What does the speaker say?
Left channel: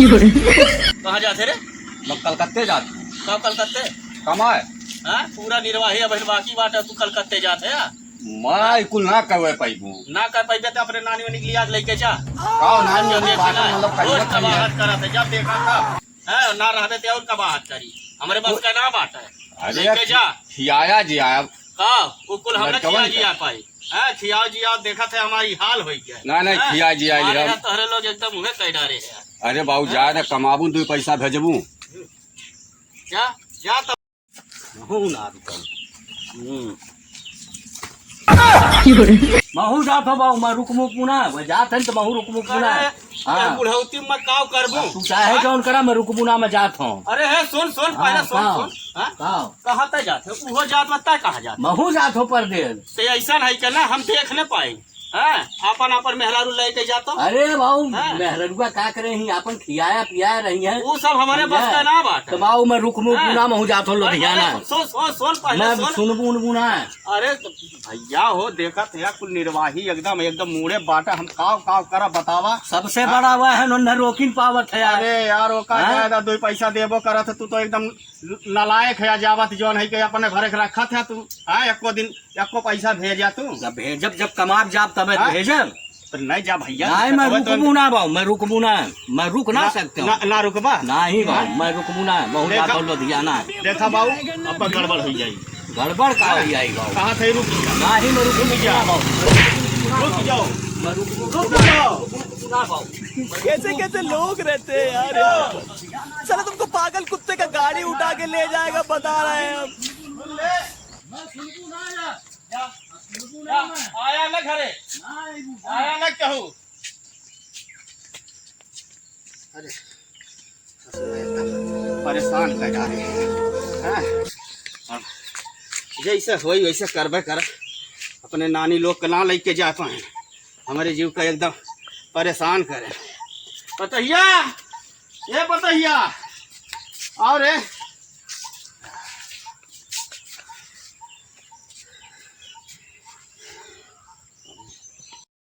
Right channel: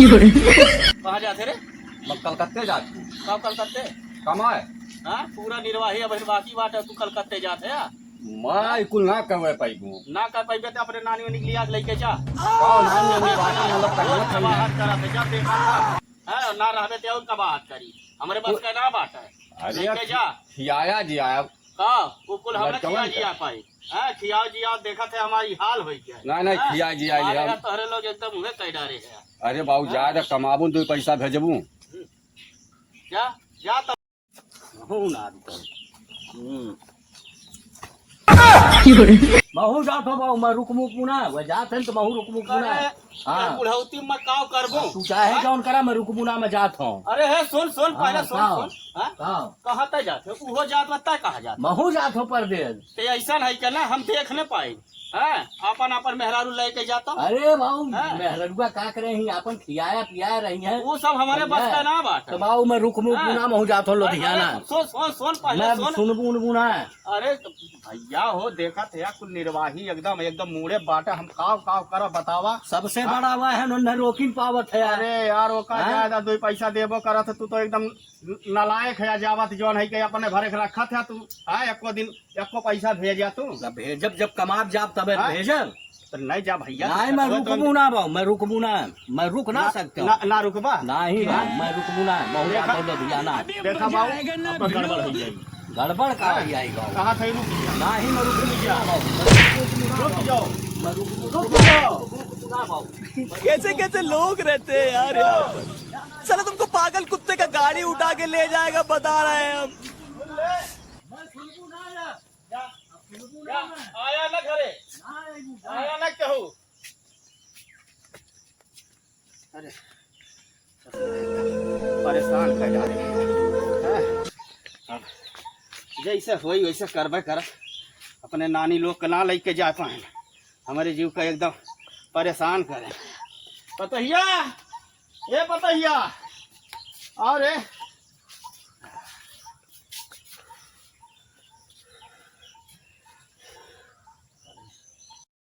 कहाँ जाते रे? मैं कलकत्ते जाती हूँ। कब कलकत्ते? कमाए हाँ पूरा निर्वाही अब बाकी बात है, तू कलकत्ते जाते है मैं कुल ना करवे पाइबू। ना कर पाई तो अपने नानी वानी के लिया लेके जा। काम नानी जब हमने देखा बात ना, करना रोज चाहिए। कबाहट कराते, जब देखा है ना रहते थे और कबाहट करी। हमारे बस का ना बात है, अरे लेके जा। खियाया जी आया हाँ वो कुल हमने लड़कवन खिया का। जिया पाई है, खिया जिया देखा थे हमारी हाल हो गया। ना नहीं खिया जी आए हमारे हम। यहाँ तोहरे लोग एकदम उन्हें कह डारे है। अरे बाबू ज्यादा कमाबू दो पैसा भेजबू। क्या क्या तब महू जात हो बाऊ मैं रुकमु पुना वो जात है तो महू रुकमु पुना। हाँ बुढ़ौती में काव करबू। तू चाहे कौन करा मैं रुकमुना में जात हूँ। अरे है सुन सुन पहले सुन हाँ, सुन हाँ? हाँ कहाँ तक जाते हो? वो जात में तय कहाँ जाते? महू जात हो परदेल। तो ऐसा है कि ना हम देख न पाए हैं, अपन अपन मेहरारू लेके जाता। अरे बाऊ हाँ। मेहररुआ का करे ही अपन खियाया पियाया रही है वो सब हमारे बस का ना बात तो है। बाऊ मैं रुकमु पुना महू जात हो लुधियाना। सुन सुन सुन पहले मैं सुन। सुनबू उनबुना। अरे तो भैया हो देखा थे कुल निर्वाही एकदम एकदम मुड़े बाटा हम काव काव करा बतावा। सबसे बड़ा वह है न रोकिन पावत है यार। अरे यार वो का हाँ? ज्यादा दो पैसा देबो करा था, तू तो एकदम नालायक है जावत जोन है के अपने भरे के रखा था तू। हाँ एको दिन एको पैसा भेजा तू जब भेजब जब कमाब जाब तब हाँ? भेजब। तो नहीं जा भैया। नहीं मैं रुकबू ना बाऊ मैं रुकबू ना मैं रुक ना सकते ना, हूँ। ना रुकबा। नहीं बाऊ मैं रुकबू ना महू जात हो लुधियाना। देखा बाबू अब गड़बड़ हो जाएगी। गड़बड़ का हो जाएगी बाऊ। कहाँ थे रुक नहीं मैं रुकबू ना बाऊ। रुक जाओ मैं रुकबू रुक जाओ। ना बाऊ। कैसे कैसे लोग रहते हैं यार यहाँ पर। चलो तुमको पागल कुत्ते का गाड़ी उठा के ले जाएगा बता रहे हैं हम। आया न घरे आया न कहू। अरे परेशान कर जा रहे हैं। जैसे होई वैसे करबे कर। अपने नानी लोग के ना लेके जा पाए, हमारे जीव का एकदम परेशान करे। पतहिया ये पतहिया और